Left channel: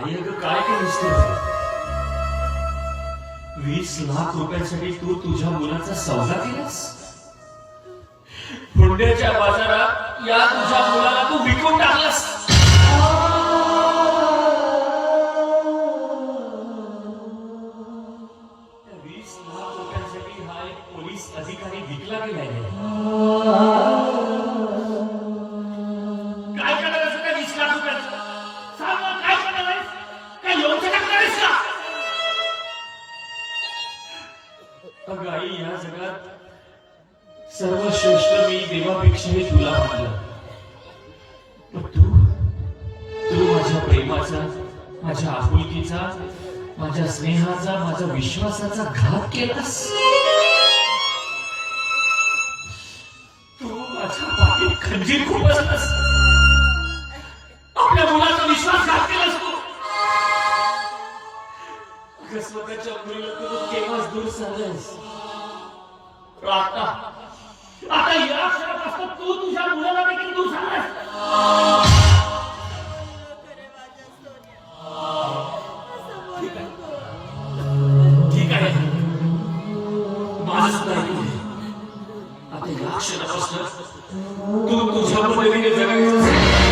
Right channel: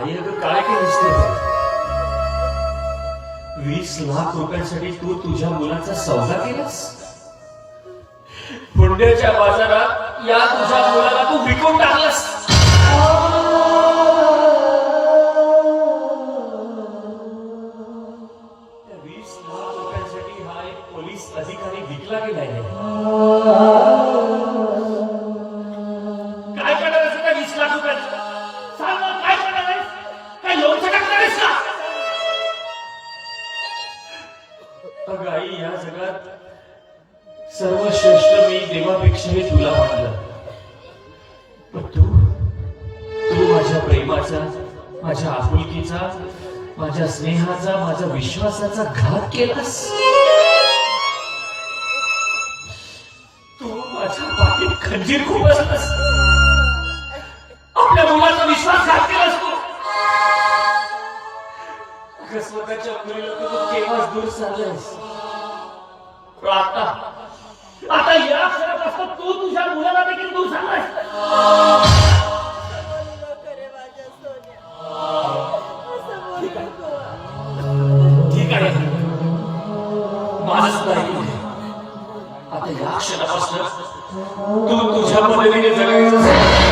आई अगं काय केलीस तू? 20 लाख रुपयांसाठी तू तुझ्या मुलाचा सौदा केलास? पुण्याच्या बाजारात या तुझ्या मुलाला तू विकून टाकलास. त्या 20 लाख रुपयांसाठी हा एक पोलीस अधिकारी विकला गेलाय. काय करणार असं त्या 20 लाख रुपयाचं? सांग मला, काय करणार आहेस? काय लोणचं टाकणार आहेस का? अगं आई, या जगात सर्वश्रेष्ठ मी देवापेक्षाही तुला मानलं. पण तू माझ्या प्रेमाचा, माझ्या आपुलकीचा, माझ्या स्नेहाचा, माझ्या विश्वासाचा घात केलास. तू माझ्या पाठीत खंजीर खुपसलास. आपल्या मुलाचा विश्वासघात केलास तू. अगं स्वतःच्या मुलीला तू केव्हाच दूर सारलास. आता या क्षणापासून तू तुझ्या मुलाला देखील दूर झालास. ठीक आहे, माझं सुद्धा ऐकून घे. आता या क्षणापासून तू तुझ्या पद्धतीने जगायचं.